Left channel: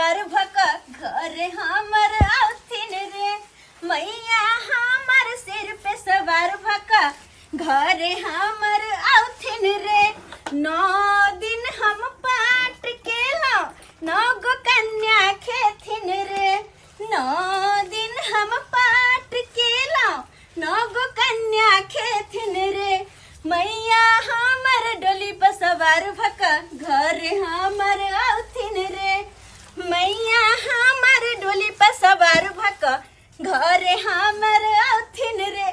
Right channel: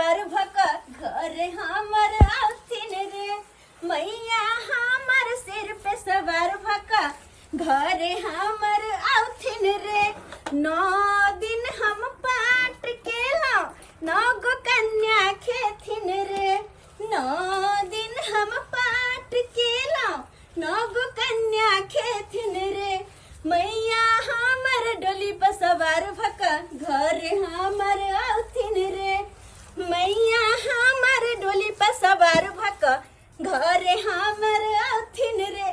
सवार भक घर हमर आउथिन रे मैया हमर सिर पे सवार भक घर हमर आउथिन रे 9 दिन हम पाट केलौं 9 गो कन्या खेथिन रे 9 दिन हम पाट केलौं 9 गो कन्या खेथिन रे मैया हमर डोली पर सवार भक घर हमर आउथिन रे मैया हमर डोली पर सवार भक घर हमर आउथिन रे।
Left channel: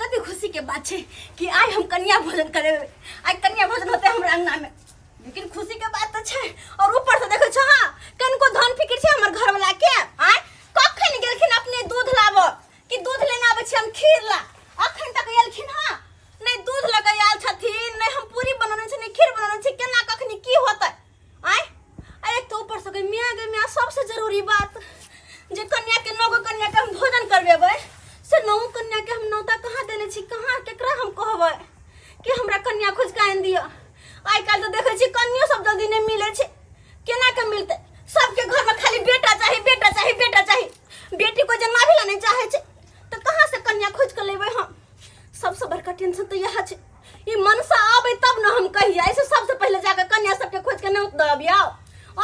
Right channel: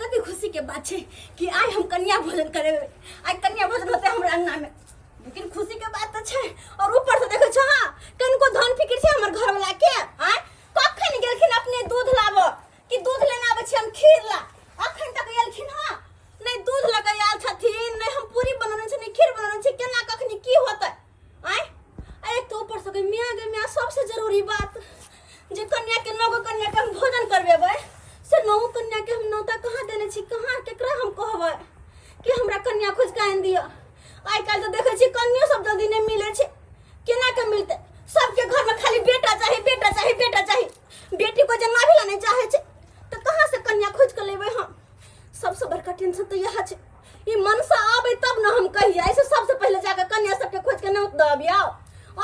कति खुशी के बात है कि आज हम कन्या भोजन करे आज कन्या भोजन होते हमरा अंगना में लेकिन खुशी के बात तो है और ऊपर से देखो छ हां कनको धन फिकिर छै हमर घर वाला के आय कखन गेलखिन अपने दूध लाबो कि दूध लेना आबै छै हम खीर ला अखन तक एलखिन हां नहीं दूध लगा आयल छथिन नहीं हम पूरी बनाने छै नहीं खीर बनाने छै केना कखनी की होतै आय एक तो ऊपर से मियाँ सबसे जरूरी बात जे कन्या के 9 गो कन्या के हम भोजन करबेबै से 9 कन्या के हम नौता कहाँ देने छी कहाँ केकरा हम कहबै कि हमरा कन्या खोज के आनि दिअ आइ काल्हि तो देखै छी कन्या सब जल्दी नहीं मिलै छै केना के मिलतै सबके घर में खाली बेटा चाही बेटा चाही बेटा चाही बेटी को जन्मा भी नहीं चाहे छै तो कहाँ से कन्या खोज के लेबै हम सबसे बड़का टेंशन तो यह है ये मनसा आवे तब ना हम कहिए ऐसे सबसे पहले जाकर कन्या सबके खोज के नहीं दबिया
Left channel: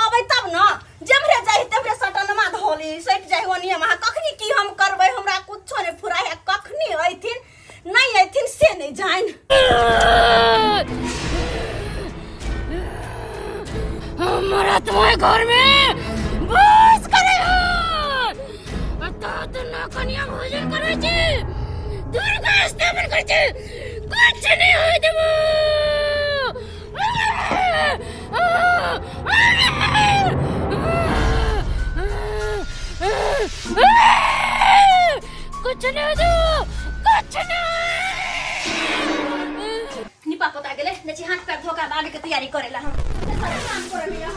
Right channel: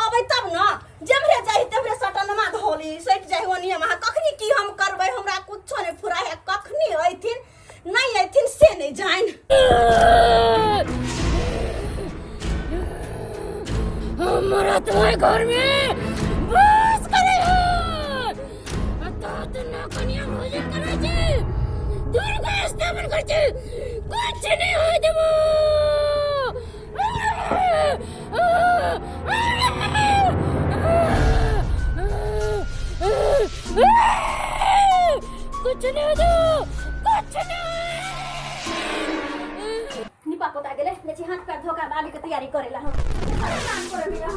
आवे तब ना जमरे जाहि तमरे सटनमा धोली सट जाहि ओनिया महा कखनी की हम करबै हमरा कुछो नहीं फुराय है कखनी अइथिन नहीं अइथिन से नहीं जाइन हमरा तुम्हारे घर में बस करे हो तो ना कन्या भोजन करे छी दुर्गा स्थापन कर छे कुछ नहीं होय देबो कुछ नहीं दो कुछ नहीं निपा पता गेले नची हाथ पैर धोका आगे के तैयारी करेला हम काम करेला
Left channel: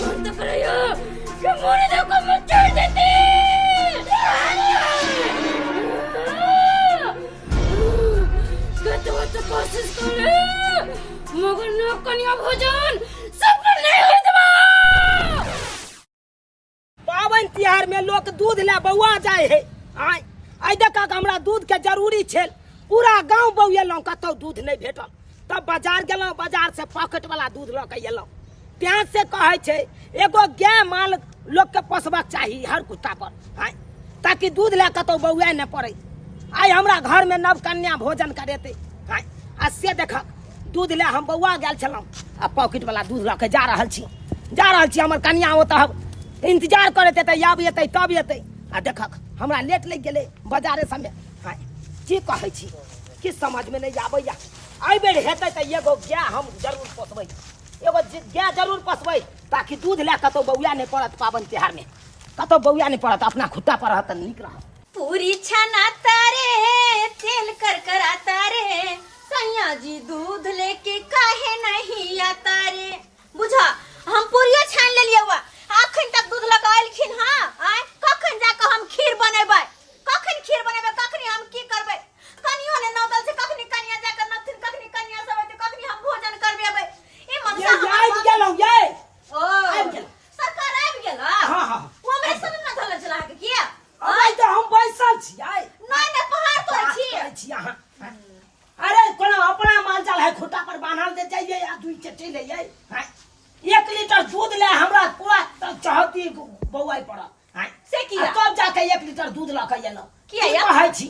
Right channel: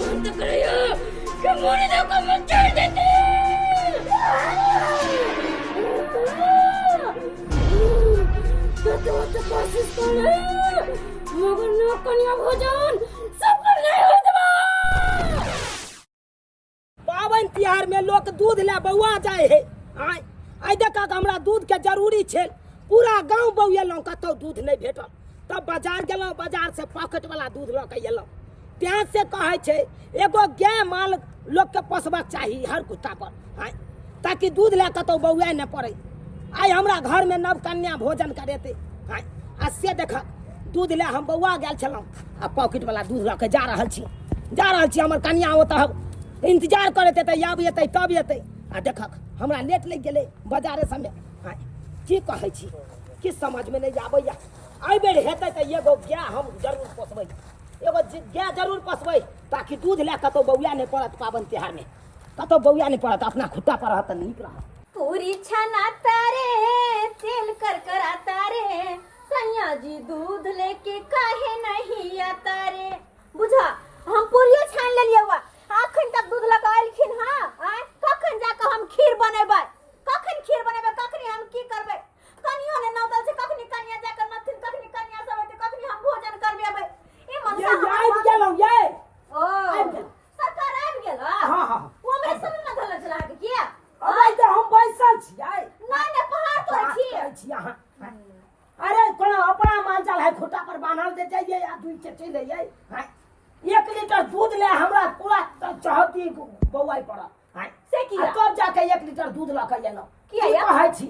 हम तो करियो कि मोरे दो को मत छोड़ देती तो कोशिश करे मगर न कन्या भोजन सब नहीं होय देबो पावन तिहार में लोग दूध ले बौआ जाए है आय आई देखा हमरा दूध के जरूरी छे पूरा गांव बौएलौं कतौ दूध नहीं भेटल तब बाजार गेलौं बाजार से पॉकेट वाला दूध ल के एलौं त्यां से कहे छे एगो गाय माल लोग के पोसबाक चाहिए हर कुत्ता पर आय ताकि दूध ले कतौ बौआ न पड़े आय हमरा घर में नव कन्या भोजन करेते आय आ से देखक दूध ले हम बौआ गेल छलौं आ पॉकेट वाला दूध ल के जा रहल छी हमर कन्या ओतऽ इंतजार करते त आब एतै तब एतै आ देखक हमरा लेट लग गेलै बाजारे समय आय की कहै छी कि समझ में नहीं आबैया आई बेर हेतै त एगो गाय हम जरूर पोसबै एगो गाय जरूर पोसबै ताकि दूध ले कतौ बौआ नहीं पड़त पावन त्योहार में कतौ बौआ नहीं पड़त अपना खुट्टा पर रहत नीक रहत पूरी छनाता रे तेल करकराता रे सैया जी दूध लेके काहे नहीं आता रे बुझा हम पूरियो छान लेलिए हुआ अखन तक दूध लगाइलखिन हां आय कखन जाके हम खीर बनेबै कखनी हम की करबै कनियो ने नौतल से कखनी कनिया जाके नथिन कखनी कनिया सब होते कखनी हम भोजन करबेबै ए मनसा ये आबि गेलौं ये ओ आबि गेल सरकार आबि गेल हां हां वो हमरे सब न धले चला के किया अबै त हम बैसल छी आय नहीं पहाड़ पर छी यहां अरे कोनो अपना माल जाल है खुट्टा पर बांधल दे जाइए या दुई चटे ले जाए हां 1 लीटर दूध ले हमरा पूरा चाहती बौआई पड़ा हां से किया तब जाके 1 लीटर दूध ला के एलो किया कहै छी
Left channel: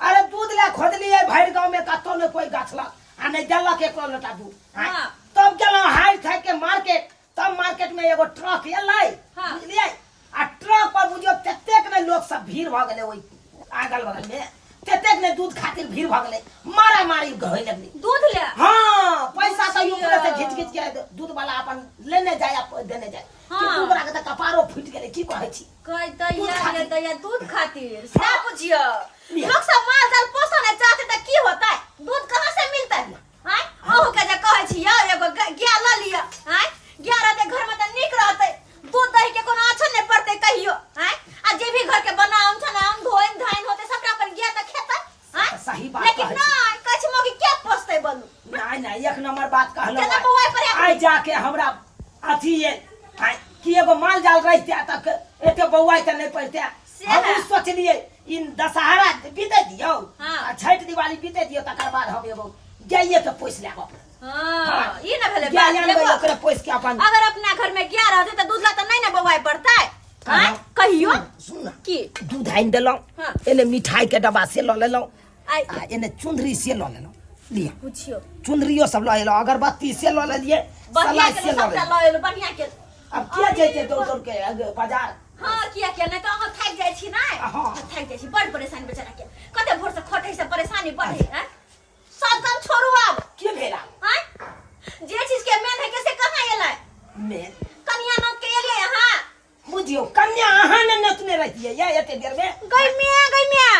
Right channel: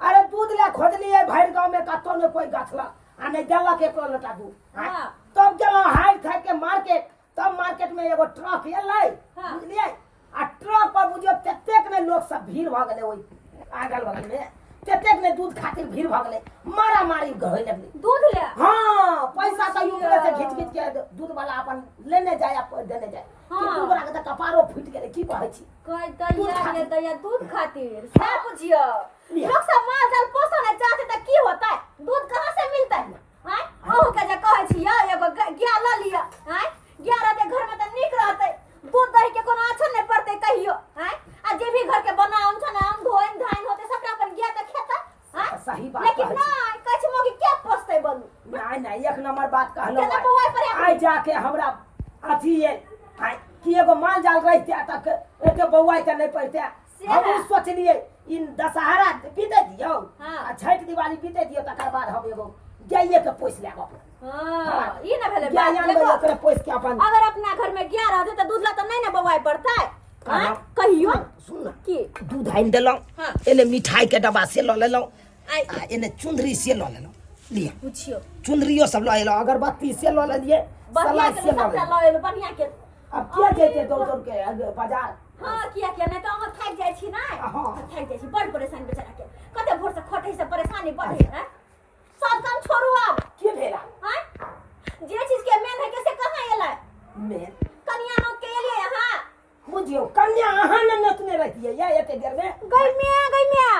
अरे दूध ले खोदलिए भैर गांव में कतो ने कोई गाछलक आ नहीं देलक 1 लोटा दूध हां तब गेलो हाय खाय के मार्केट तब मार्केट में एगो ट्रक एलै बुझलिए आ ट्रक पर बुझियो ततेक ने लोग सब भीड़ भ गेलै ओइ अगल बगल में ततेक ने दूध खातिर भीड़ भ गेलै मारा मारी गहै लगली दूध ले हां पैसा तो ऊपर से घिच के दूध वाला अपन लेने जाय आ देने जाय कि दूध के त कपारो फूट गेलै की कहै छी कह दैया दूध खातिर से बुझियो लोग सब माल जाल पोसने चाहते त की होतै दूध कहां से मिलतै हां अहू के जे कहै छी यार एगो गाय ल लिया हां गाय रहते घर में त नीक रहतै दूध दही के कोनो अच्छा नहीं पड़ते कहियो हां आ जे भी घर के बनाम छ ना हम धोइन धाइन होते सबटा अपन गाय त खेतै हां सही बात लेकिन कहै ना कछ मोगी क्या पछते बोलू नहीं एक नंबर बात कहलो चला बउआ पर आई जाके हमरा अथी ये कि एगो माल जाल रहते तक एते बौआ त नहीं पड़ते हम सोचलिए इन दशहरा बीते दियो आ छठ दिवाली बीते दियो तकर बाद हम एगो गाइए के पोस लेब अपन हां ई ना भेले गाय आनबे ओकरे पोस के अपन अगर अपना घर में गाय रहते त दूध ला त नहीं ना बउआ पड़ता हां कहियो सुन की दूध आइन देलौं हाँ। एने मिठाई के डब्बा से ल लेलौं आई आ एने चुंदरी से ल लेलौं लिया पूछियो चुंदरियो सब ल लेलौं अगरबत्ती से ल लेलिए बढ़िया सलाई के से ल सबटा लेलिए लयल बढ़िया के अब क्या जैते दौड़ दौड़ के बाजार हां किया नहीं तो हम थक जाय छी ना हाँ। थक जाय छी बड़ परेशान बेचारा के कते भोर से खटै से परेशानी बढ़े हैं सब काम छोड़ू अब के भेला हैं जे चीज के मेन है कैसे कहां एलै मेन कन्या नौत के एलै हां बुझियो कन्या अहाँ ने नतने रहतिए या एते देर में गई मिया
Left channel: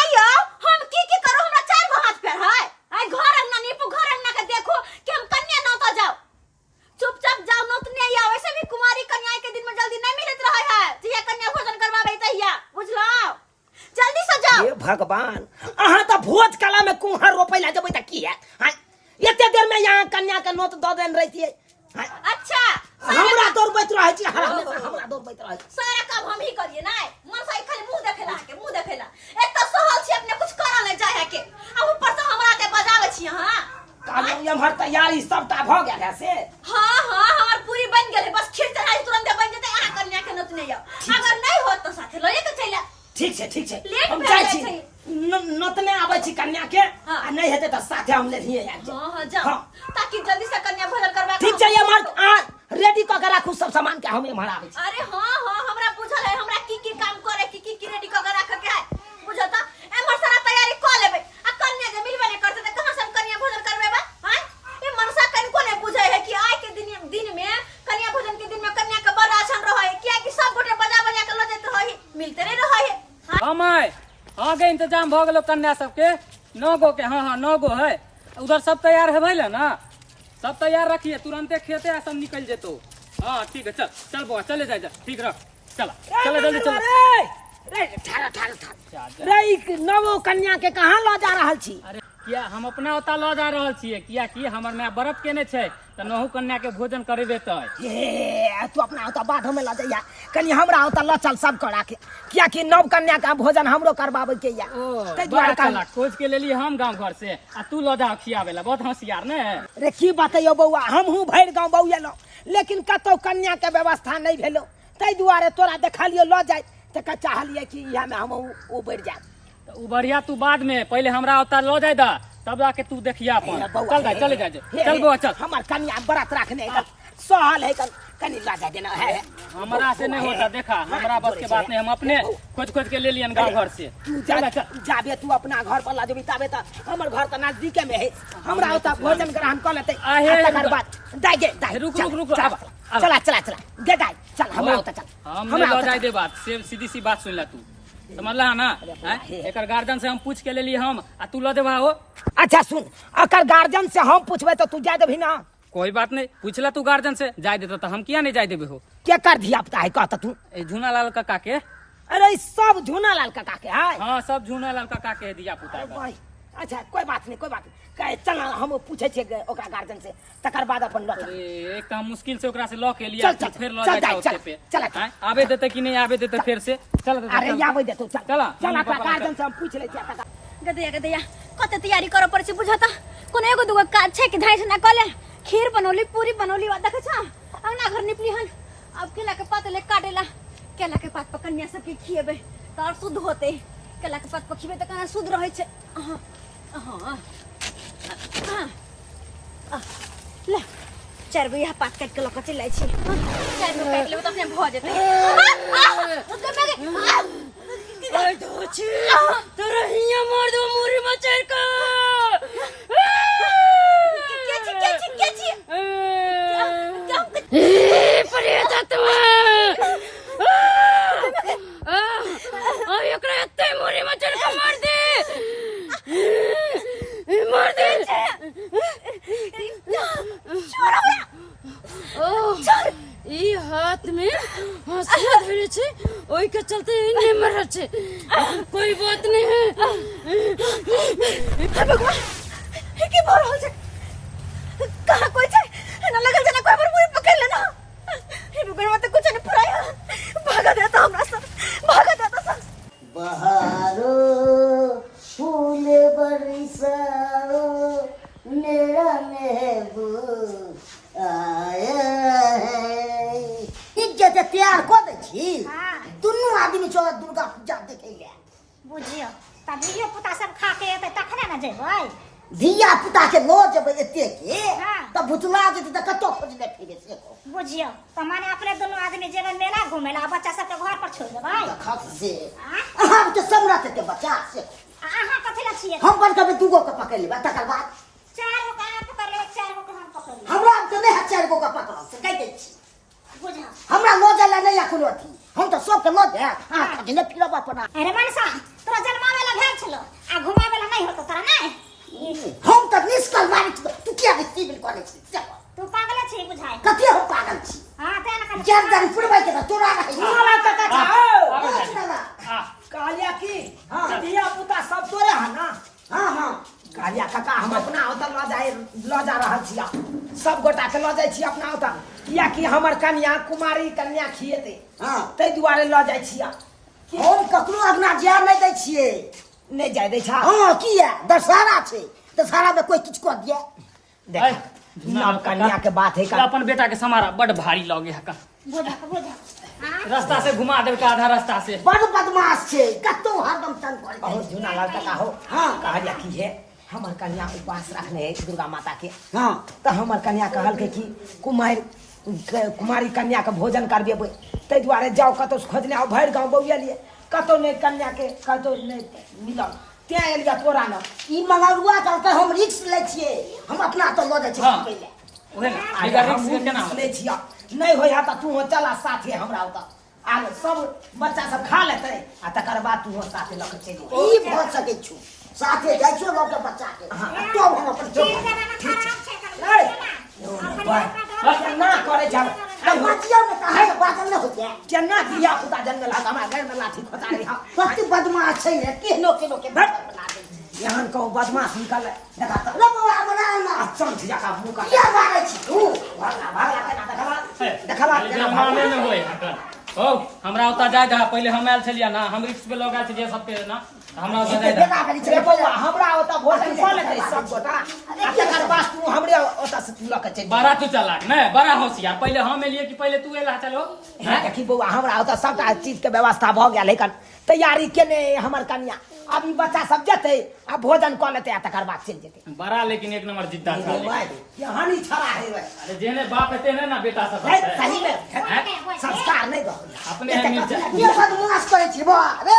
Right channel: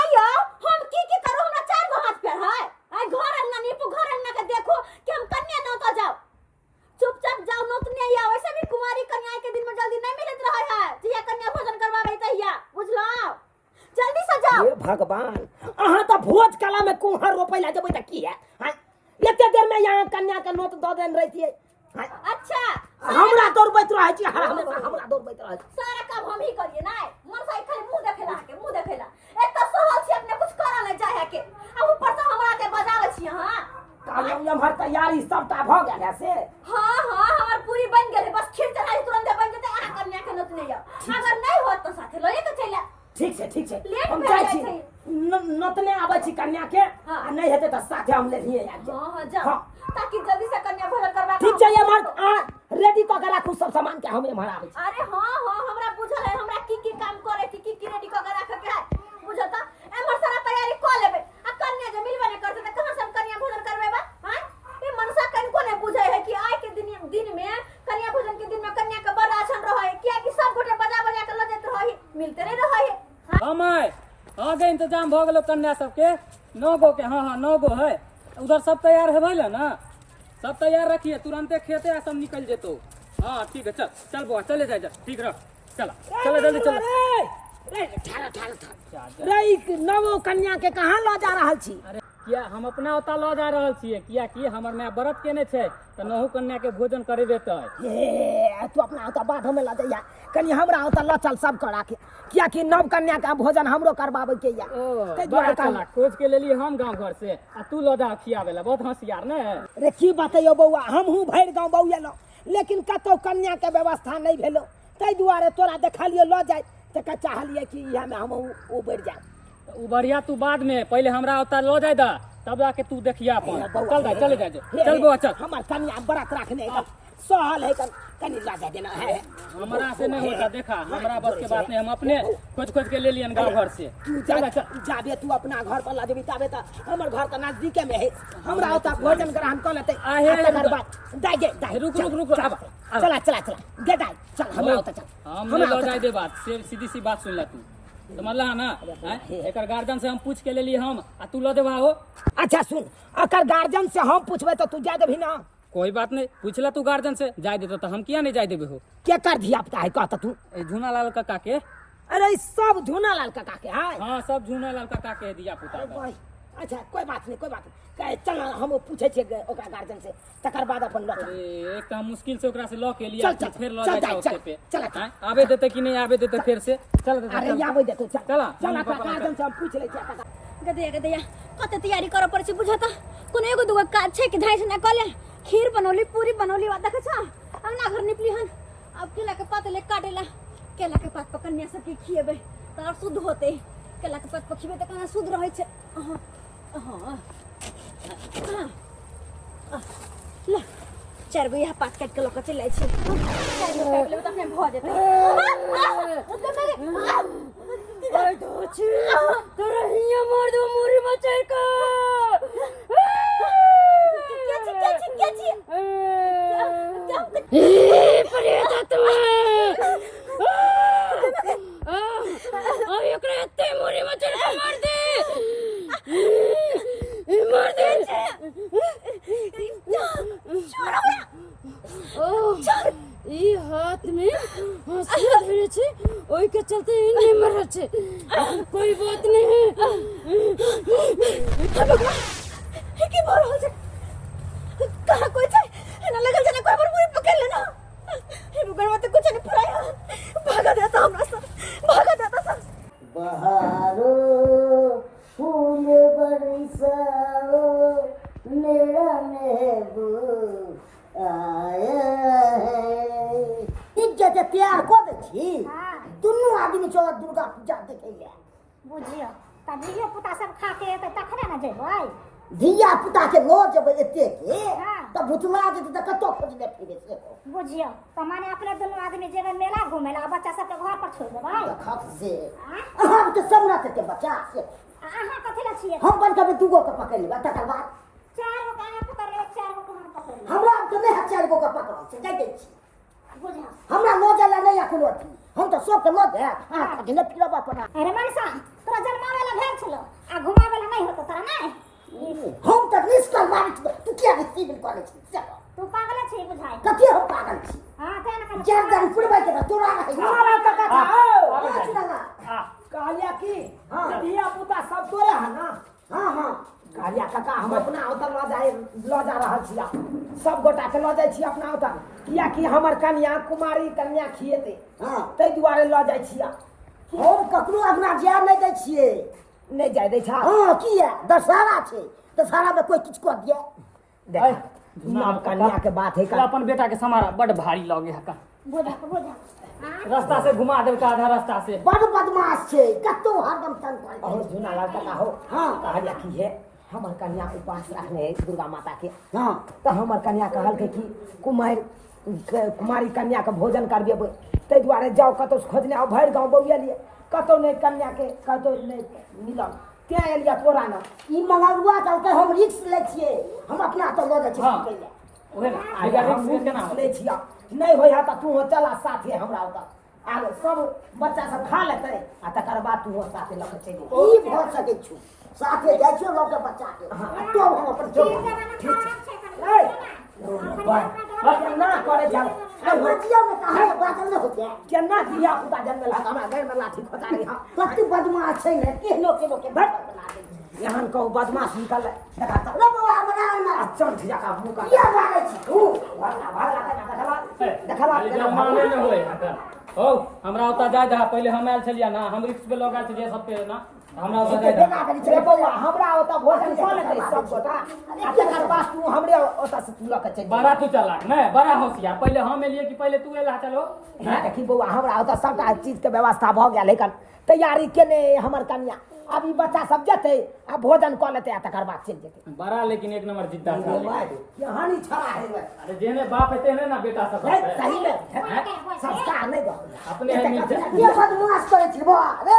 आयो हम की करू हमरा चार गो हाथ पैर है आई घर अंगना नीपू घर अंगना के देखो कि हम कन्या नौता जाओ चुपचाप जाओ नौतने या वैसे भी कुमारी कन्या के दिन में जल्दी नहीं मिलत रहा है जिया कन्या भोजन करवावे तहिया बुझलो जल्दी से जाओ हे भगवान अहाँ त भोज कला में कुहर रोपै ला जबै त की है हां एते देर में यहाँ कन्या के नोत द देन रहतिए अच्छा हमरा दौड़बैत रहै छी हमरा दौड़बैत रहै छी सारा काम हम ही करिए ना मन से खाली मुंह देखेला एक तो सहल छी अपने कुछ करा नहीं चाहे के अब ऊपर से हमरा के बजावे छी हां कालो हमर तैयारी सबटा भ गेल है से हां हमर पूरी बन गेल बस खीर चढ़ाई तुरंत बन जते आ कन्या के नत नहीं अगर नहीं होत तो साथे लए के चला ठीक छै लेट हम भए जाइ जाइ छी छै। नतने आबै छी कन्या के हाँ। आ नहीं हेते त साथे हम लेहिए आबि जाब हां जा हाँ। ताकि जल्दी से कन्या भोजन करवा ठीक छै हमर रेडी क के राखू सब सामान के हम एम्हर आबै छी अरे हां हमरा बुझल है हमरा की काम करे की रेडी क के राखे के है बुझता एमर सारा तैयारी क लेबे आ कन्या जे मिलबे नहीं करते त कहां से हम कन्या भोजन करबेबा हैं ए मनसा कनको नहीं बुझे है कि आज के दिन में कन्या भोजन के दिन में कन्या के बड़ आसन रहे किया कि सब गोटे बजा के ल देत रही मिलते नहीं रहे हम आगे इंतजाम भ गेलो कन्या सबके 9 गो के हाँ 9 गो है उधर सब तैयार है भैया ना सब तैयार रखिए तुरंते खेते आ सब निकल जेतो हाँ ठीक है चल बुआ चले जा ठीक रख चला चला जल्दी चल रे ठाड़ा रे नवो कन्या के कहां ल जा रहल छी अरे किया हम अपना ओता ल जा रहल छिए किया कि हमर माय व्रत केने छै त नहु कन्या के भोजन करेबे तय हे तू अपना ओता बाध में ला जइया कनी हमरा ओता ल चल सब करा के किया कि नव कन्या का भोजन हमरो करबावे के या तै द्वारा चला खोज के लेली हम गांव घर से आ तू ल जा खियावेला बहुत होशियार ने रे की बतैयो बौआ हमहू भैर गांव बौएलो लेकिन कतौ कन्या के व्यवस्था नहीं भेलो तै द्वारे तोरा देखलियो ल जाय त का चाहलिए कि इहा में हम ओ बढ़ जाए त उ बढ़िया तू बाद में पहले हमरा ओता ल जाय दा तब जाके तू देखिया अपन चल भाई चले जा चल बुआ चल हमर कन्या बरात रखने है सहल है कनी ला जा देना है हमरा से नहीं होता देखा हमरा बस के बात नहीं हम अपने खोज के ले लियन गांव घर से तू चल जाबे तू अपना घर पर ला जेबी तबे त हमर घर त नजदीके में है हमरा ओता भोजन ग्रहण कर लेते आहे, तकर बाद दाई रुक, आब। चला दे दाई चल हमरा ओता चल हम ले जाय दे बात से सीधी सी बात सुन ला तू समझला ना एकर गार्जियन से हम पूछ के लेली हम आ तू ल देबा हो अच्छा सुन अकर गार्जियन से हम पूछबे तो तू जा देबी ना कोई बात नहीं पूछला तू गार्जियन से जाय देता तो हम किया नहीं जाय देबे हो के कर धिया पुता है कहता तू ए झूना लाल काका के अरे सब झूना लाल काका के है हाँ सब झूना लाल काका के दिया पुता है भाई अच्छा कोई बात नहीं कहे चल हम पूछे छे ओकरा गार्जियन से तकर बाद अपन लौट अरे एक काम मुश्किल से ओकरा से ल के लिया चल, फिर ल चल, जाय चल, ओते पे चल, हैं? आबे देते कि नहीं आबे देते फिर से चल अरे आबे दे तू चल चला, चल मम्मी ओकरा पापा गार्जियन से हम पूछ ले छिया गदैया कते तैयारी करे पड़े बुझता कोनो एगो दुगो काज छै कि धाइ से ना कले खीर बनौली पूरी बनौली वा देखे छ अंगना घर निपली हन अब केला के पात ले काटेला केला के पात पर कन्या सबके खिएबे त और शुद्ध होते केला के पात पर खिएबे त कना शुद्ध रहै छै ले चार गो यहाँ पात काट के लक चलै छी चार गो काट लेबे त अपने भ जेतै आई दोची तेरे हिया मार दो मुरी मचर का के छी ए प्रेत आत्मा आ एकरा एते मुरी मचर का मार दे मार दे ई हाथ में हंसुआ धरे छे ओई के चलते इने मर छे कोई बात नहीं है बरिसाओ मेरा महबूब आया है। इज्जत तैयार को दे छी दुनू आदमी चो दुर्गा पूजा देखे ले बुझियो तब धियो पुता सब खा के एतै तखने न जेबै। धिया पुता के लो जब एते के हाँ। तब भुतला जेते त कतो खोजले फिरे से बुझियो त माने अपने दुनू आदमी जेबै मेला घुमै ला, बच्चा सब के घर पर छोड़ देबै। खा से हम तो समरत के बच्चा से अहाँ कथि ला छियै? हम बन के दुगो के पकड़ लेबा तकर बाद चार गो का पकड़ ले, चार गो के हम पकड़ ले। हमरा तो नहीं है चार गो के पकड़ से कह दे छी बुझा हमरा लो जाला नहीं या कोनो थी हम तो सब के लो दे हां खोजने फिरबा अपना अरे मनसा तोरा जन्मावे ला भेल छलो आ घुमावे ला नहीं होतो तोरा नहीं। हम तो निष्कल मारी तू क्या रिसीव करे छी तू पागल छी बुझाई। कते हम पागल छी हां ते न चार दिन पुरबा के तोरा रहे कालिया की हाँ। धिया पुता सब तोरे है ना। हां हां कालिया काका हम अपना ओतऽ ल जा रहल छियै, सब गोटा के ल जाइ छी अपना ओतऽ, कियाकि हमर कन्या कुमारी कन्या खिएते हां ताहि दुआरे ल जाइ छियै। हम ककरो अपना जाय नहीं दै छियै। नहीं जाय दै छा। हां किया दशहरा छै दशहरा में कोई किछ को दिया देख नव कन्या के बात है का अपन बेटा के समारा बड़ भारी लगे है का। बुझा बुझा। हां रास्ता से घुमा देव का आधा रास्ता से। बड़ बदमाश छै कतो हरदम तंग करे और छै। झुना लाल काका हो हाँ कहलिया की है हमर कन्या उपास रखने है दुर्गा माता के। हां तो हमर कन्या कहल के कि कुमारी कन्या के भोजन करबेबै ताहि दुआरे जाओ कतौ से खोजने आओ भरि गाँव बौआ लिए कतौ नहीं कन्या के कतौ नहीं मिलल तें एलिया तोरा न ई मंगरुआ चलते हम रिक्स ले छियै हम अपना तो लो जाइ छियै हाँ। पकड़ ले ओहे आगे हम केना ले छिया नहीं होय त तू चला साथे हमरा ओतऽ आगे सब बच्चा सब खा लेतै आ तकर बाद तू साथे लऽ के चलि ई भ सकै छु साथे जाइ छियै लोग के बच्चा के तो हम अपन तीन जगह में खराब छै कर। ना करे जा बच्चियों में कहा है बाजल न होते केना धिया पुता जन्म ला हमरा घर में लाठी खोतारी हम कति बदमाश छै ने केनो केनो के भट। बना दे यहाँ कहूँ बदमाश निकल देखा तो लगवा बना ना चल जका मुंह का क्या मारै छी तू भागला भागला केना देखला देखला खाली जमाने में होय हकन हो हमरा ओता जाय दा पहले हम आयल छलिया ना हम रिक्स पे लगा छलिया सब पे ना हमरा ओता जाय दा बेटा करी चले छै बौआ हमरा ओतऽ भोट कऽ लेतै सब गोटा आ तकर बाद तू हमरे ओतऽ से लऽ के चल बड़ा तू चला नहीं बड़ा होशियार पहले हम एलिए कि पहले तू एला चलो देखी बौआ हमरा ओतऽ सबटा चीज के व्यवस्था भऽ गेल लेकिन तैयारी केने हमर कन्या अभी बच्चा सब जेतै आ भोजन कऽ लेतै आ तकर बाद चलि जेतै बड़ा लेकिन एक नंबर जिद्दा था यहाँ नहीं छड़ा है अरे जेने बाप है तेने ना बेटा सब है। सही में संस्कार नहीं दो अपने है मिर्चा ये बदमाश करै छी बा रे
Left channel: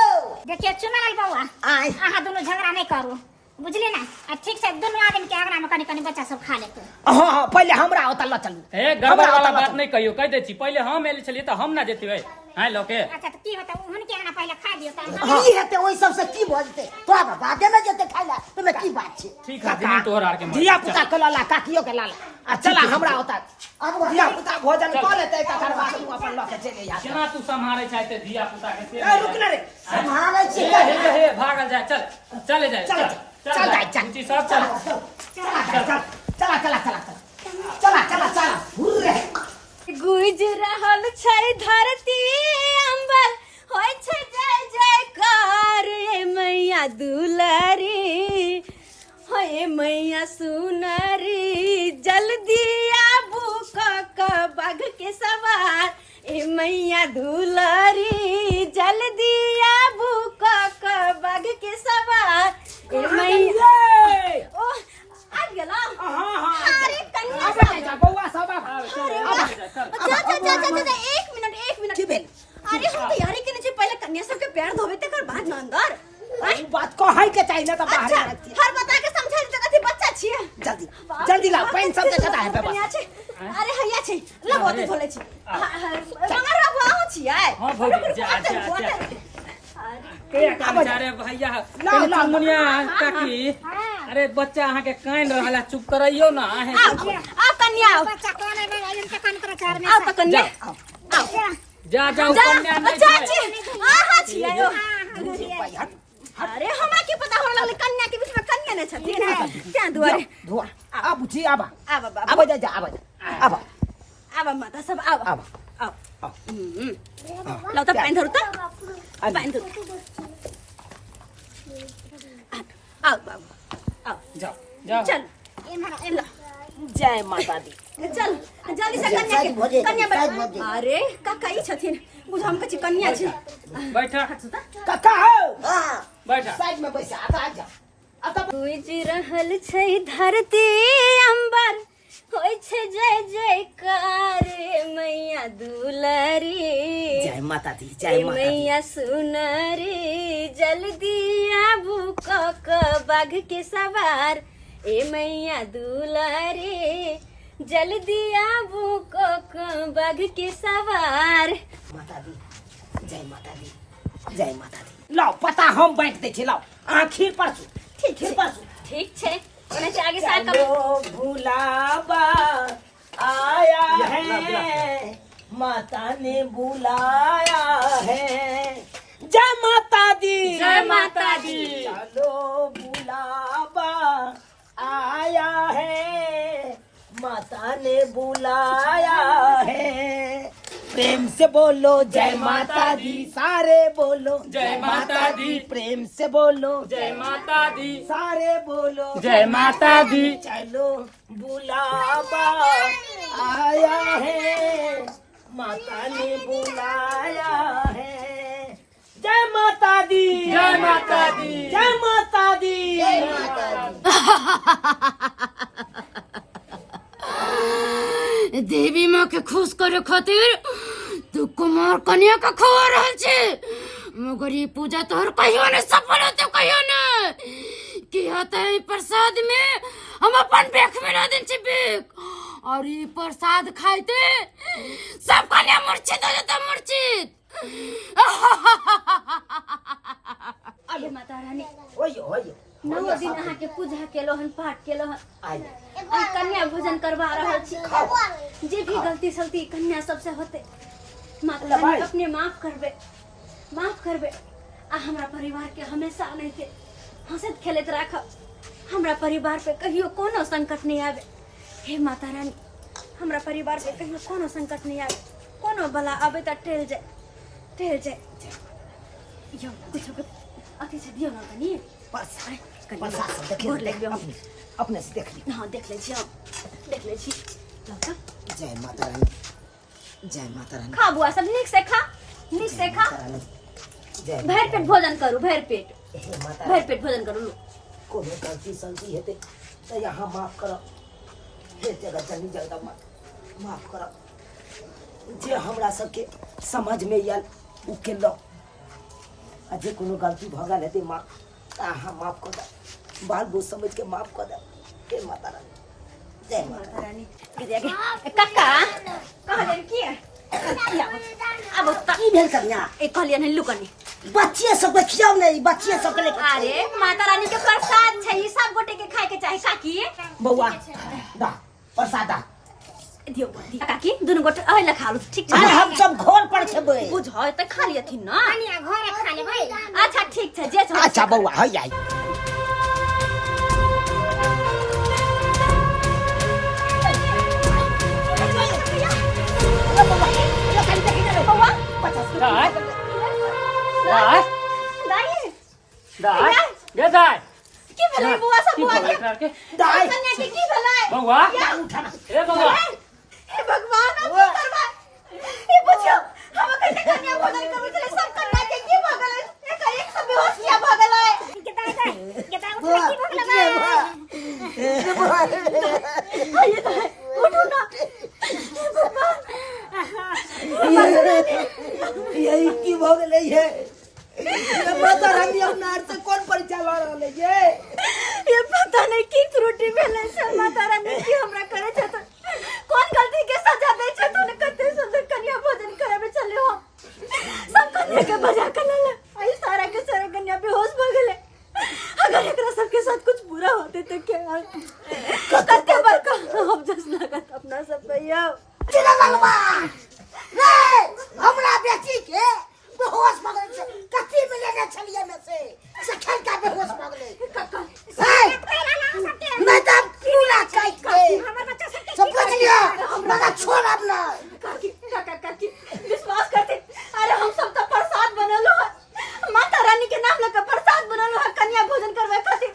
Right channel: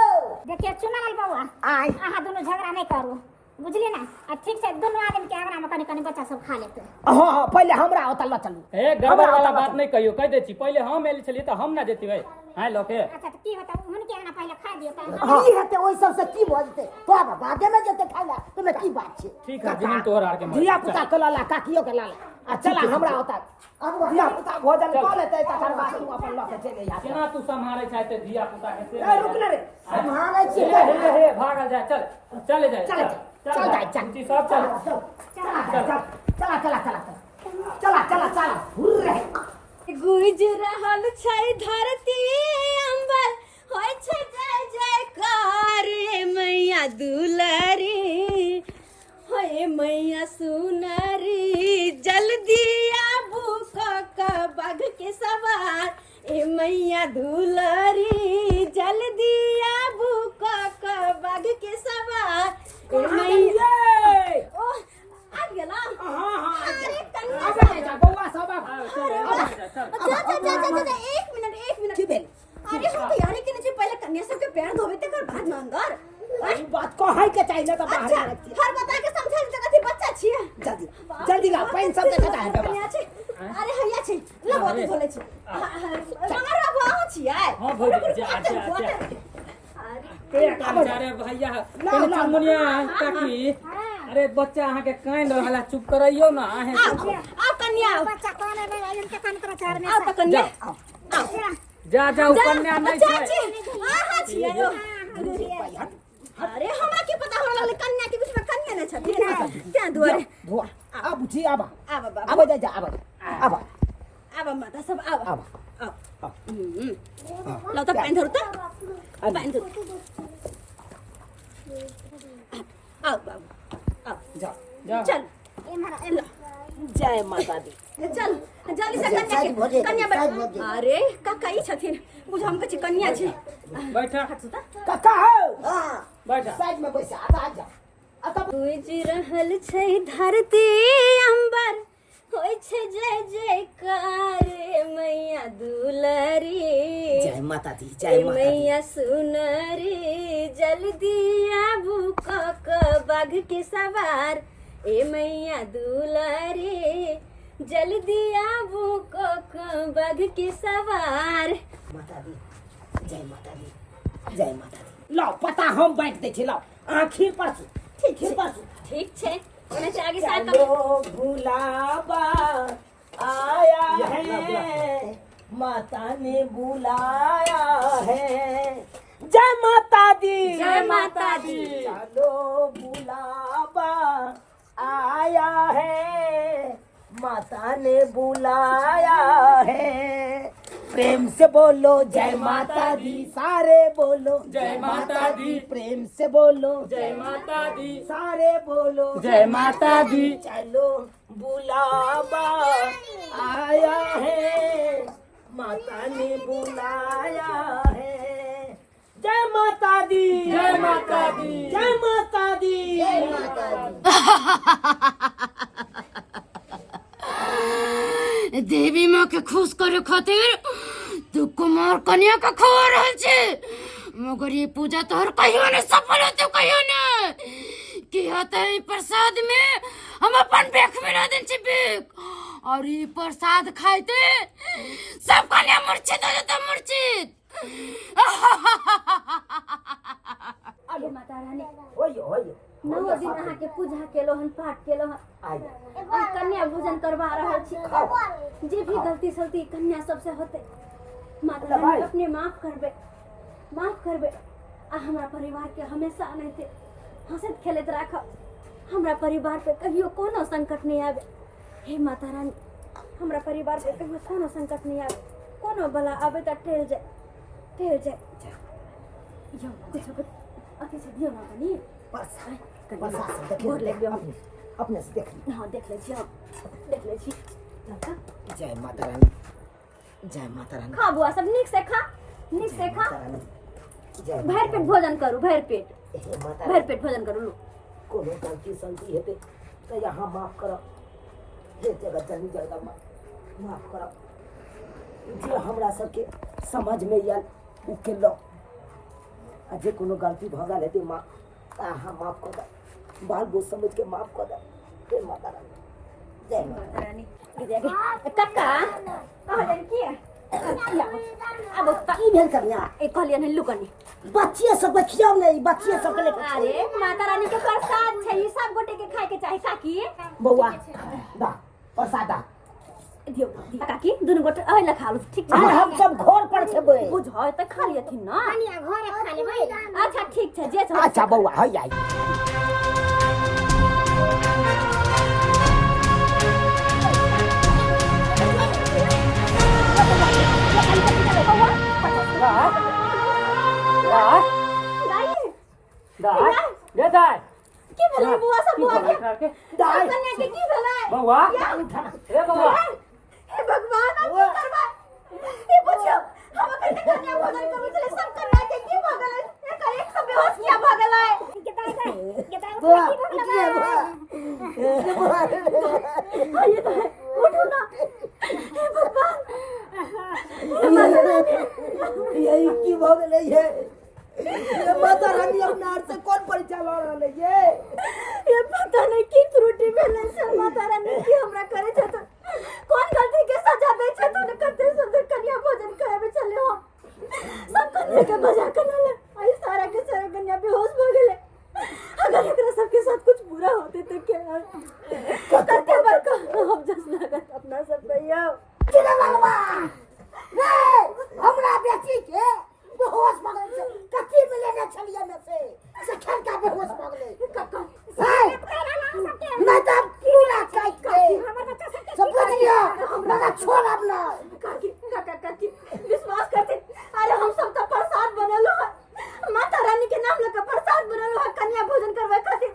देखिए चुनल बउआ आय अहाँ दोनों झगड़ा नहीं करू बुझली ना। आ ठीक से दुनू आदमी के आगरा में कनी कनी बच्चा सब खा लेते। हाँ हाँ पहले हमरा ओतऽ लऽ चलू ए गड़बड़ वाला बात नहीं कहियो कह दे छी पहले हम एल छलिए तो हम ना जेती है हैं लोके अच्छा तो की होता उनके आगरा पहले खा दियो त ई हेते ओइ सब से की भ जेते तोरा बादे में जेते खाइला तमे की बात छै ठीक है जमीन तोहर आर के धिया पुता के लाला काकियो के लाला आ चला हमरा ओतऽ अब धिया पुता भोजन कऽ लेतै तकर बाद तू अपन लऽ के चले जा केना तू संभारे चाहते धिया पुता के से रुक ना रे संभालै छी हे हे भागल जाए चल चले जाए चल चल जाए चल ऊंची सब चल चला चला चला चला चला चला चला चला हुर्रे गुज रहल छै धरती अंबर होय छै जय जयकार हे मैया दुलारी होय मैया सुनरी जल्दी आबू क बाघ के सवार ए मैया दुलारी जल्दी आबू क बाघ के सवार ए मैया ओ आ गेला हां हां अरे कन्या अब जा बौआ सब अब एक मिनट की भेल अरे हम तैयारी के नीचे पहले कन्या सब के पैर धोबे तकर बाद न अंदर ई बात कहै के चाहिए ना त बाहर अच्छा रहती हर बता के समझाई जगह थी बच्चा छिए जल्दी जल्दी ला पानी सब देखता है बाबा कन्या छै अरे हैया छै ला बहुत धोले छी मगर अब आहो छिए हां भौजी जा जा के काम चारे भैया कनी चुनमुनिया काकी अरे बच्चा अहाँ के काइन रहला चुप करइयो ना आहे आओ कन्या आओ बच्चा कोने में इनके कान कर चार में आओ तो कन्या आओ जा जाओ कन्या नहीं अच्छा है छी हां छिए अरे हमरा की पता हमरा लगले कन्या के बीच में कन्या न छथिन क्या दुआरे धोआ अब जी आबा आबा बाबा अब जा अब आबा माता सब आबा अब आओ लो तो पैन धरु तो पैन धरु आओ बाबू आओ जाओ जाओ चल ला, जय माता दी। चल जल्दी से कन्या साइड भऽ के जाइए, कन्या साइड भऽ जाइए। अरे काका ई छथिन बुझ हम कछि कन्या छै बैठा काका हो हाँ बैठा साइड में बैसा आ जा गुज रहल छै धरती अंबर होय छै जय जयकार मैया दुलारी जय माता दी, ए जय माता दी। मैया सुनरी जल्दी आबू क बाघ के सवार ए मैया दुलारी जल्दी आबू क बाघ के सवार माता दी, जय माता दी, जय माता दी। लाओ पता हम बांट दै छी, लाओ अहाँ खीर परसू, ठीक खीर छै परसू। ठीक छै ओने से आगे साल का चलो भुलावा आया है, माता ने बुलाया है। जय माता दी, जय माता दी। चलो बुलावा आया है, माता ने बुलाया है। प्रेम से बोलो जय माता दी, सारे बोलो जय माता दी। प्रेम से बोलो जय माता दी, सारे बोलो जय माता दी। चलो बुलावा आया है, माता ने बुलाया है। जय माता दी, जय माता दी। जय माता दी। देवी माँ के खुश करे खातिर तू कुमार कन्या का खबर रहल छे, मगर ये पूजा तोहर कहियो ने सफल होते कहियो ने कि होते ई प्रसाद में हम अपन बेख में ना दिन छी बेख, और ई प्रसाद खाइते सब कन्या मूर्छित हो जाता मूर्छित। अरे माता रानी होइए 9 दिन अहाँ के पूजा केलो हन पाठ केलो हन आइए आ कन्या भोजन करवा रहल छी जे भी गलती सलती कन्या सबसे होते माता रानी अपने माफ करबे आ हमरा परिवार के हमेशा नहीं के हंसत खेलत राख, हमरा परिवार पे कहियो कोनो संकट नहीं आवे। हे माता रानी हमरा परिवार पे कहियो कोनो संकट नहीं आवे, कोनो बला आवे त टेल जाए यो कुछ अति से दियो ना कनी प्रसाद सब देख गोर लग गयो अपने से देख ली। हाँ देख ले छी लड़का जय माता रानी, जय माता रानी, खा बुआ सब नीक से खा माता रानी, जय भर पेट भोजन करू भर पेट हे माता भर पेट भोजन करू लो कोनो गलती सलती हेते तो यहाँ माफ करो, हे जगत जननी जगदम्बा माफ करो। जे हमरा सबके समझ में आयल उ केलो, आ जे कोनो गलती भ गेल हेते माँ अहाँ माफ कर दे, बाल बोझ समझ के माफ कर दे। हे माता रानी, जय माता माता रानी आगे आगे काका कहाँ जाने की है अब की भेल कन्या एक कहलिए नहीं लुकनी बच्चे सब खियाओ नहीं, बच्चे सब के लेके अरे माता रानी के प्रसाद छै ई सब गोटे के खाए के चाहे काकी बउआ दा प्रसाद दा दियो काकी दुनु गोटे अहले खा लो ठीक अरे छै हम सब घर पर छेबै। बुझ त खा लियथिन न कनिया घरे खा लेबै। अच्छा ठीक छै जे छ अच्छा बउआ है आई दाय दाय दाई दाय गे दाय की भेलै बुआ सब बुआ के दाई कन्या के की भेलै बउआ ए बउआ हे भगवान अब की करबा ए बुझियो हम कते कन्या भोजन करबै छलै सब कन्या के की भ गेलै एक सब बेहोश किया भ गेलै बुआ उठिए बुआ आइए तो उठो ना हे भगवान यही की भ गेलै है ये माता रानी अपना हाथ से कौन परिचय ला रहले ये पता नहीं की त्रुटि भेलै से माता रानी की हमरा करे छै त कौन गलती के सजा दै छै त कते सुंदर कन्या भोजन कराबे चले हो सब कन्या के बजा के लाले आई सारा के सारा कन्या बेहोश भ गेले अगर एकरा सबके साथ कुछ बुरा होते तो क्या कते बड़का हम जस लागत अपना सब भैया भगवान रे हमरा बेटी के बेहोश भ गेल छै कथी में लेने छलिए में से खेल का बेहोश भ गेलै काका मैं तो पूरा काट के सब बुझ लिया हमरा छोड़ अपना काकी काका काकी विश्वास करते अरे हम सब तो प्रसाद बनलो है माता रानी के नाम लेकर प्रसाद बनलो है कन्या भोजन करवे खातिर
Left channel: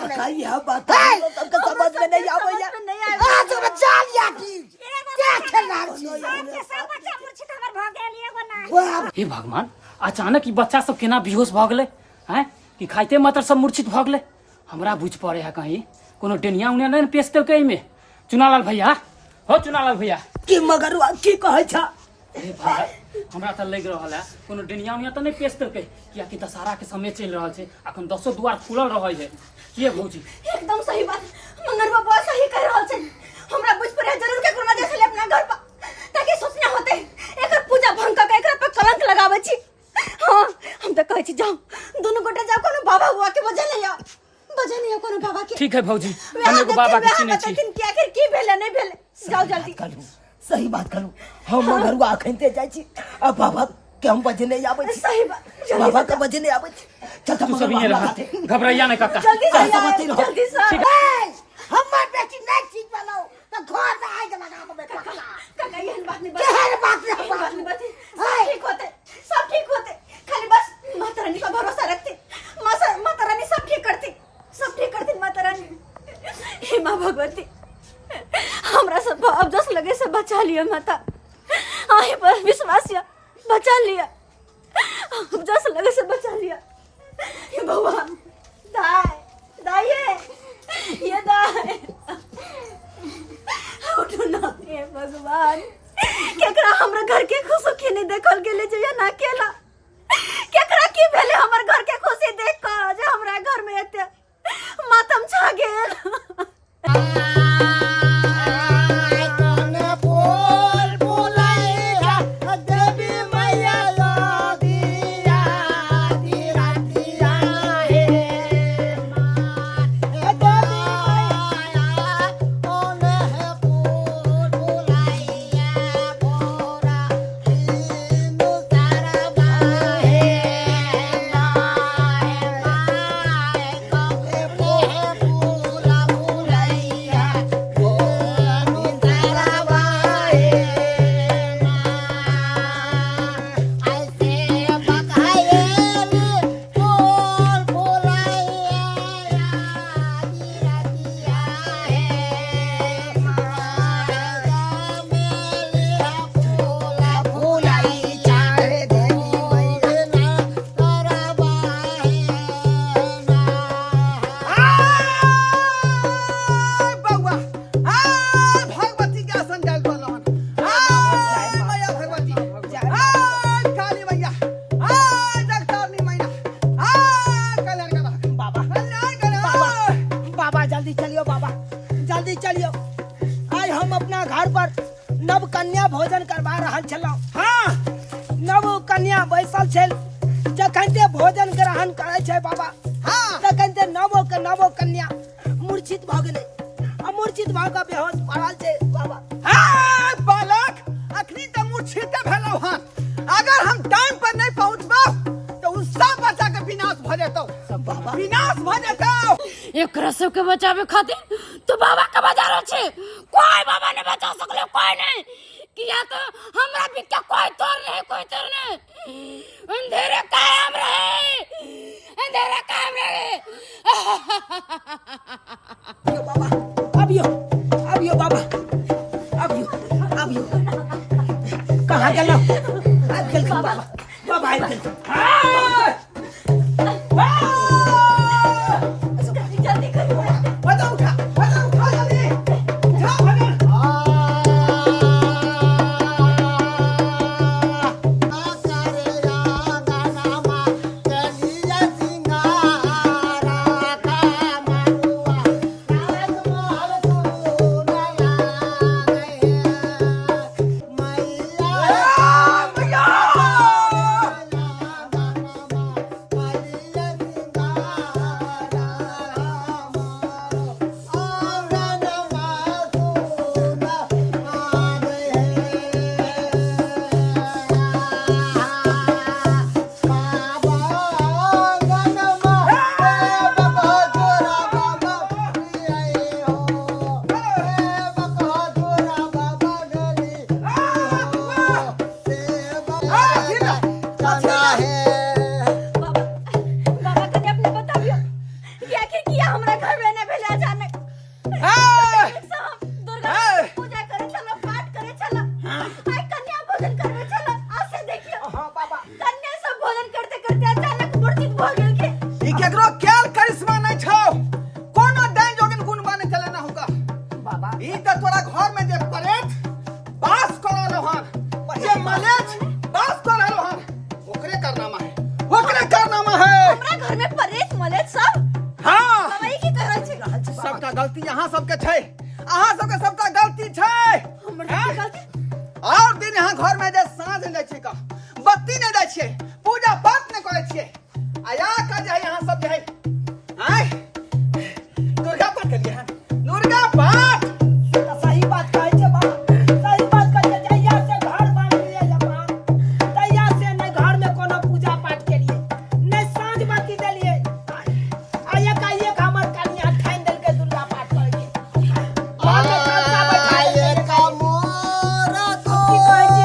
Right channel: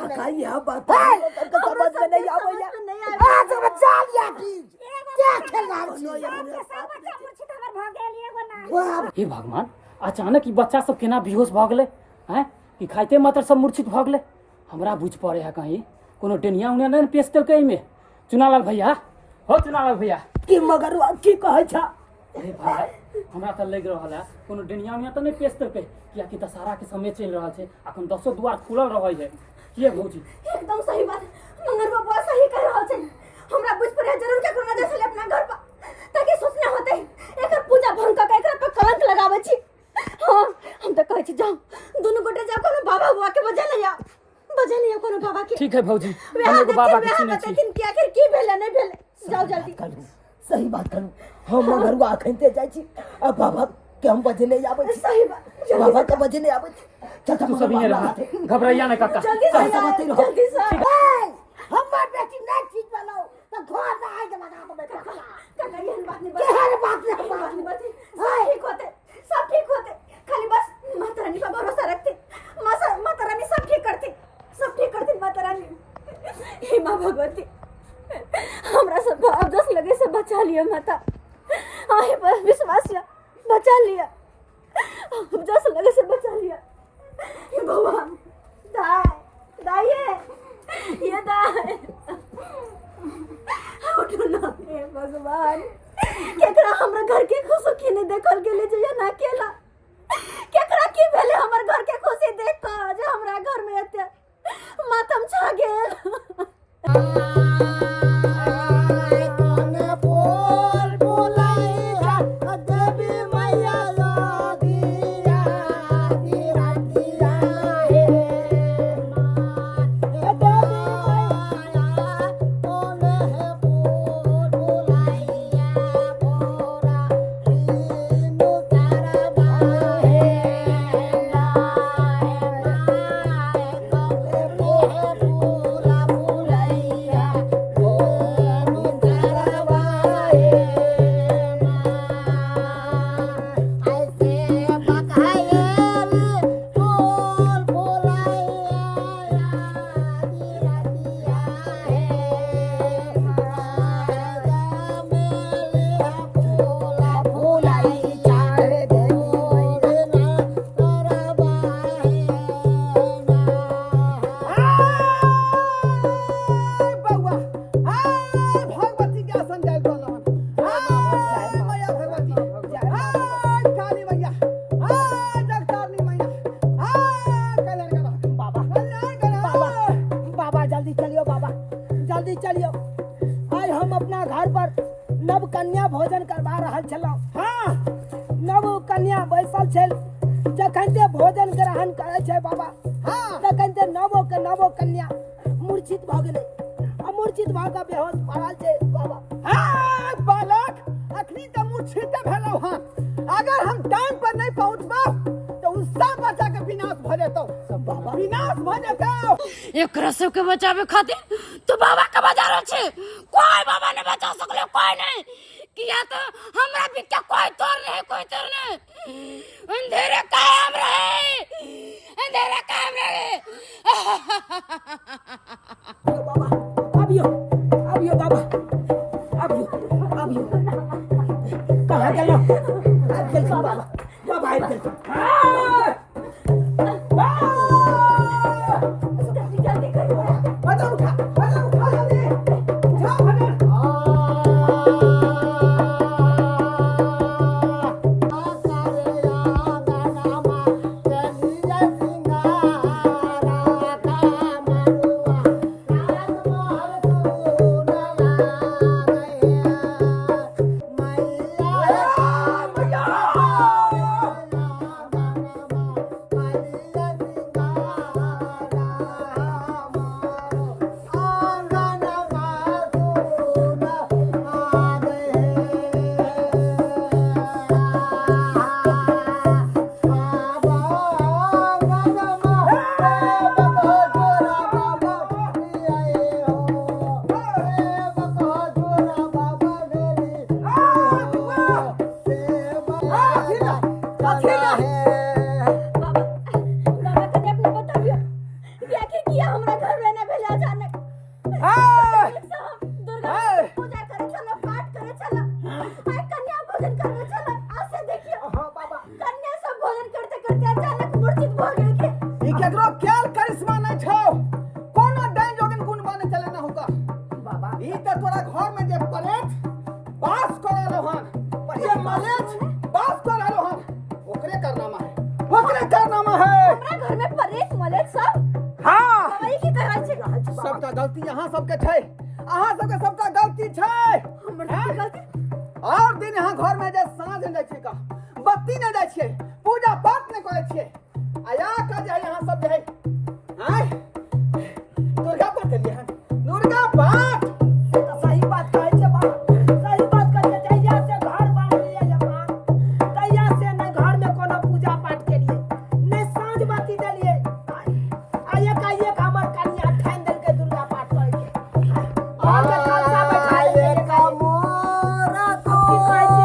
काका यह बात तब समझ में नहीं आवैया नहीं आज में चाल या की क्या खेला छी सब बच्चा मूर्छित हमर भ गेल एगो ना वाह हे भगवान अचानक ई बच्चा सब केना बेहोश भ गेलै हैं कि खाइते मात्र सब मूर्छित भ गेलै हमरा बुझ पड़े है कहीं कोनो डेनिया उनिया नहीं पेश देलकै एहिमे चुनालाल भैया हो चुनालाल भैया की मगरुआ की कहै छ हे भाई हमरा त लग रहल है कोनो डेनिया उनिया त नहीं पेश देलकै कियाकि दशहरा के समय चल रहल छै अखन 10 द्वार खुलल रहै है के भौजी एकदम सही बात मंगर बाबा सही कह रहल छै हमरा बुझ पड़े जरूर के कोना देख ले अपना घर पर ताकि सोचना होते एकर पूजा भंग के एकरा पे कलंक लगाबै छी हां हम त कहै छी जाओ दोनों गोटे जाओ कोनो बाबा हुआ के वजह नहीं आ वजह नहीं कोनो बाबा के ठीक है भौजी हम एगो बाबा के चिन्है छी लेकिन क्या आखिर की भेले नहीं भेले जाओ जल्दी कलू सही बात कलू हम मगरुआ अखनते जाइ छी अब बाबा के हम बजे नहीं आबै छी सही बात बाबा के बजे नहीं आबै छी चल तू सब यहीं रह घबराइया नहीं काका जल्दी से सहमति रहो। जल्दी से हमर बेटी नहीं ठीक बनाओ तो घर में आग लगा के बेटा काका ये बात नहीं केहन बात ये बात नहीं बात सब ठीक होते खाली बस माता रानी का भरोसा रखते माता रानी सब ठीक करती माता रानी हे माँ भगवती हमरा सब अब जस लगे से बचा लिया माता आहे पर विश्वास या बचा लिया अब जस लगे से बचा लिया हे भगवान दाई ये दाई उठो ना हे भगवान केकरा हमरा घर के खुशी नहीं देखल गेले जे ना केला केकरा की भेले हमर घर के खुशी देख के जे हमरा घर में एते मातम छा गेल नव कन्या भोजन करवा रहल छलौ हाँ नव कन्या बैसल छल जखन ते भोजन ग्रहण करे छै बाबा हाँ तखन ते नवो कन्या मूर्छित भ गेलै आ मूर्छित भ के बेहोश पड़ल छै बाबा हाँ बालक अखनी तो मूर्छित भेलौ हन अगर हम टाइम पर नहीं पहुंचबो तो उस सब बच्चा के विनाश भ जेतौ सब बाबा विनाश भ जेतौ एकरा सबके बचावे खातिर तो बाबा के बाजार छै कोई बाबा ने बचा सकले कोई नहीं किया तो हमरा भी क्या कोई तोर नहीं अंधेरे कायम रहे बाबा अबियो बाबा अबियो कहाँ गेलौ आबि गेलखिन बाबा आबि गेलखिन जल्दी करो बता उठा जल्दी उठा भगवान चलते अचानक मूर्छित भ गेल के ई केकरो केल करिश्मा नहीं छौ कोनो दान जोगिन गुण बने चले ना होगा बाबा ई त तोरा घर में जे परेत बास करलो हन जे मलेच बास करलो हन ओकरे कारनामा है हमरा घर में परेश मलेच सब हां दवाई की कहल छै सबटा गलती यहाँ सबके छै अहाँ सबके सबटा गलती छै हमरा की गलती और दिन यहाँ घर में जे साँझ ले छै का बत्ती नहीं दै छियै पूजा पाठ नहीं करे छियै आया का जे यहाँ सब जे है आय दुर्गा पाठ करिए हन दुर्गा पाठ सही बात कहै छै बाबा सही बात कहै छै जहिया से घर बन लिए जमा तहिया से नहीं घर में कोनो पूजा पाठ के लिए नहीं साँझ बाती देलिए एक हमर कन्या ठान देल के दुर्गा पाठ कर के घर में कलसा बैठा देलिए अब की कहै छी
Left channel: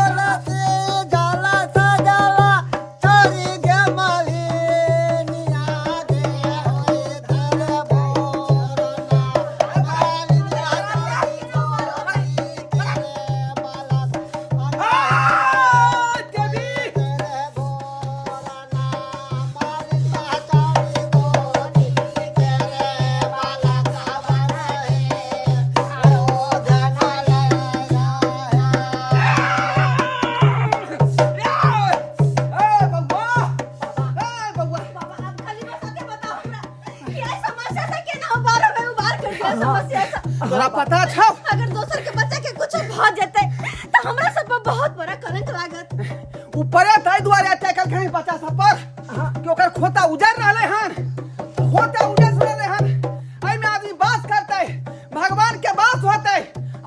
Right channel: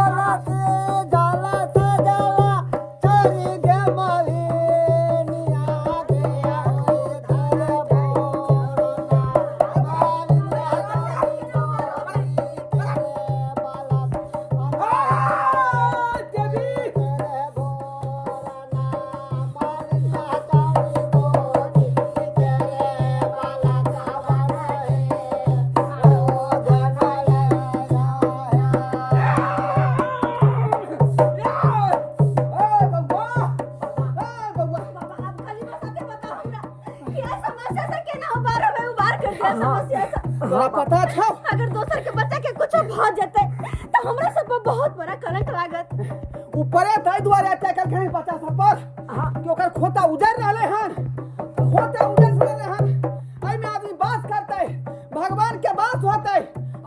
बाबा आप खाली बस आके बताओ हमरा क्या समस्या से केना उबार हमें उबार कर दिया समस्या से तोरा पता छौ अगर दोसर के बच्चा के कुछ भ जेतै त हमरा सब पे बहुत बड़ा कलंक लागत ऊपरे ताई दुआरे अटैक कहीं बच्चा सब पर कि ओकर खोता उजड़ रहले हन खोता उजड़ रहले हन एहि में आदमी बास करते भगवान के बास होते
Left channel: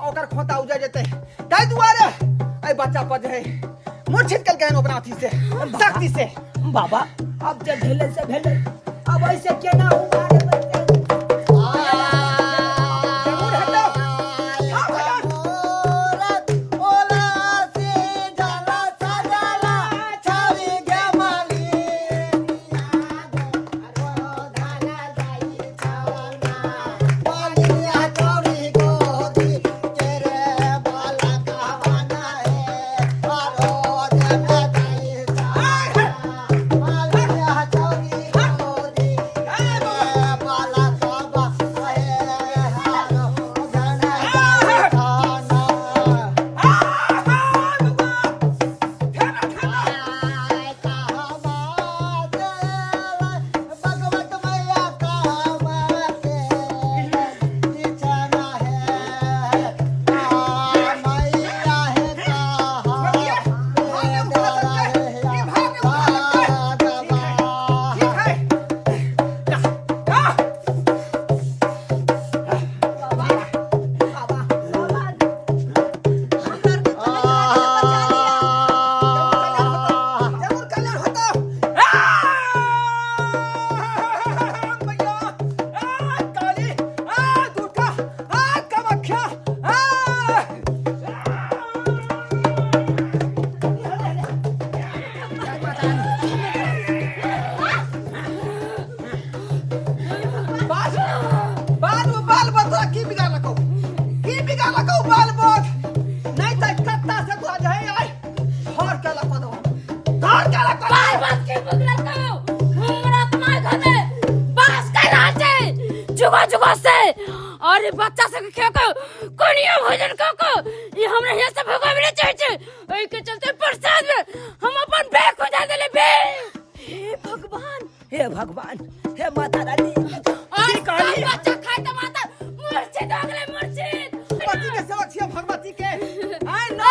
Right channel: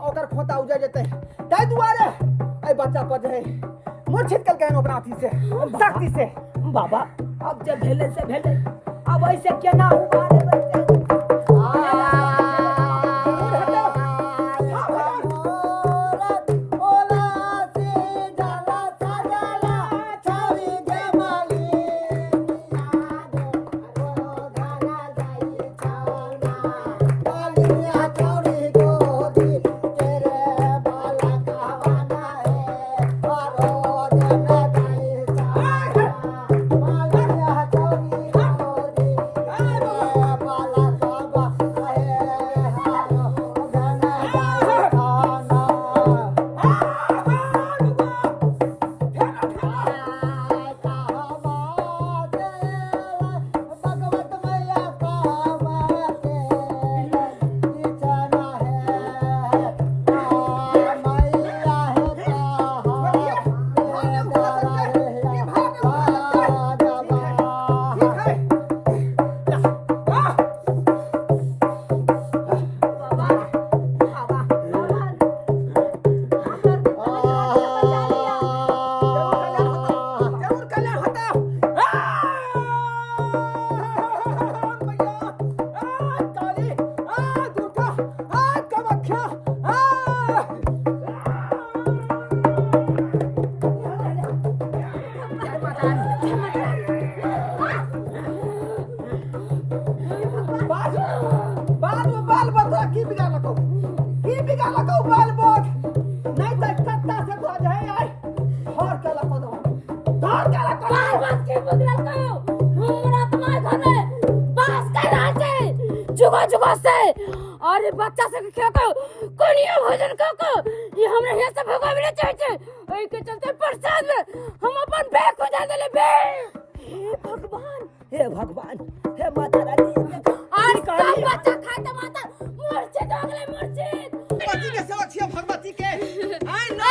ओकर खोता उजड़ जेते ताई दुआरे ए बच्चा पर जे मूर्छित कल के ओकरा अथी से शक्ति से बाबा अब जे भेले से भेले अब ऐसे केना उबारे बच्चा जरूर हटो हाँ भगवान जुगा जुगा से अरे बच्चा से के को कोनिया भोजन को ये हमरा यहाँ से भगावे चाहे छे ओइ के चलते प्रसाद में हम अपन बैग को जा देले बे हे भगवान हे माता रानी और बच्चा खाए त माता मूर्छित हो गेले मूर्छित भगवती के सेवा छियै भगवती के आइ न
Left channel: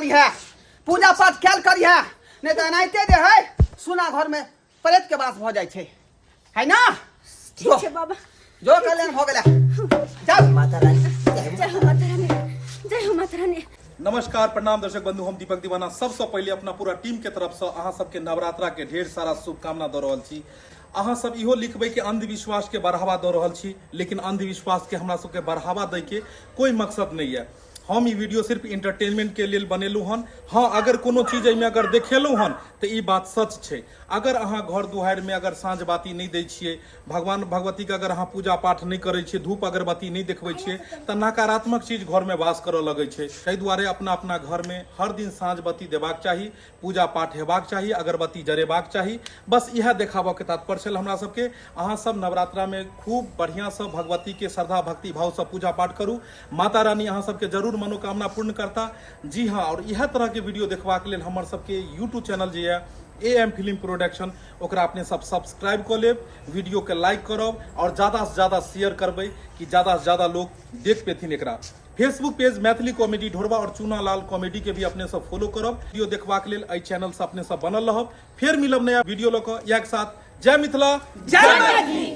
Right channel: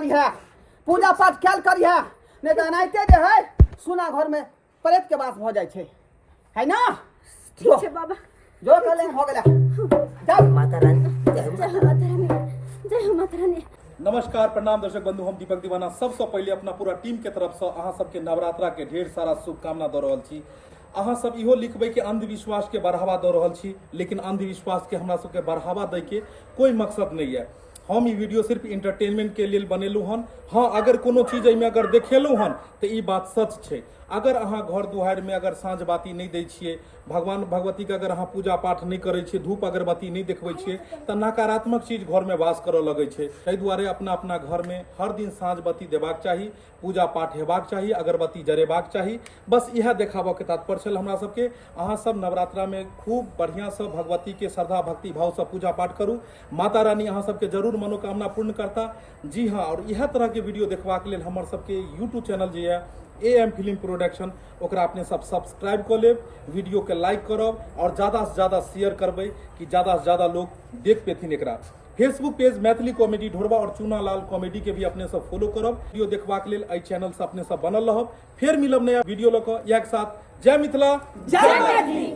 करी है, पूजा पाठ कैल करी है, नहीं तो एनाहिते जे है सुना घर में प्रेत के बास हो जाए छे, है ना? ठीक है बाबा। जो कल्याण हो गया जा। माता रानी जय हो माता रानी, जय हो माता रानी। नमस्कार प्रणाम दर्शक बंधु, हम दीपक दीवाना सबसे पहले अपना पूरा टीम के तरफ से अहाँ सबके नवरात्रा के ढेर सारा शुभकामना दे रहल छी। अहाँ सब इहो लिखबै कि अंधविश्वास के बढ़ावा दे रहल छी, लेकिन अंधविश्वास के हमरा सबके बढ़ावा दै के कोई मकसद नहीं है। हम ई वीडियो सिर्फ इंटरटेनमेंट के लिए बनेलू हन। हाँ, अगर कोनो चीज एहिमे अगर देखेलू हन तो ई बात सच छै। अगर अहाँ घर दुआरि में अगर साँझ बाती नहीं दै छियै, भगवान भगवती के अगर अहाँ पूजा पाठ नहीं करै छियै, धूप अगरबत्ती नहीं देखबै छियै, तऽ नकारात्मक चीज घर में वास करऽ लगै छै। ताहि दुआरे अपना अपना घर में हर दिन साँझ बत्ती देबाक चाही, पूजा पाठ हेबाक चाही, अगरबत्ती जरेबाक चाही। बस इएह देखाबऽ के तात्पर्य छल हमरा सबके। अहाँ सब नवरात्रा में खूब बढ़िया से भगवती के श्रद्धा भक्ति भाव से पूजा पाठ करू। माता रानी अहाँ सबके जरूर मनोकामना पूर्ण करता। जी हाँ, और इएह तरह के वीडियो देखबाक लेल हमर सबके यूट्यूब चैनल जे है AM फिल्म प्रोडक्शन, ओकरा अपने सब सब्सक्राइब कर लेब, वीडियो के लाइक करब और ज़्यादा से ज़्यादा शेयर करबै कि ज़्यादा से ज़्यादा लोग देख पेथिन एकरा। फेसबुक पेज मैथिली कॉमेडी ढोरबा और चूना लाल कॉमेडी के भी अपने सब फॉलो करब। वीडियो देखबाक लेल एहि चैनल से अपने सब बनल रहब। फिर मिलब नया वीडियो लऽ कऽ। एक साथ जय मिथिला, जय मैथिली।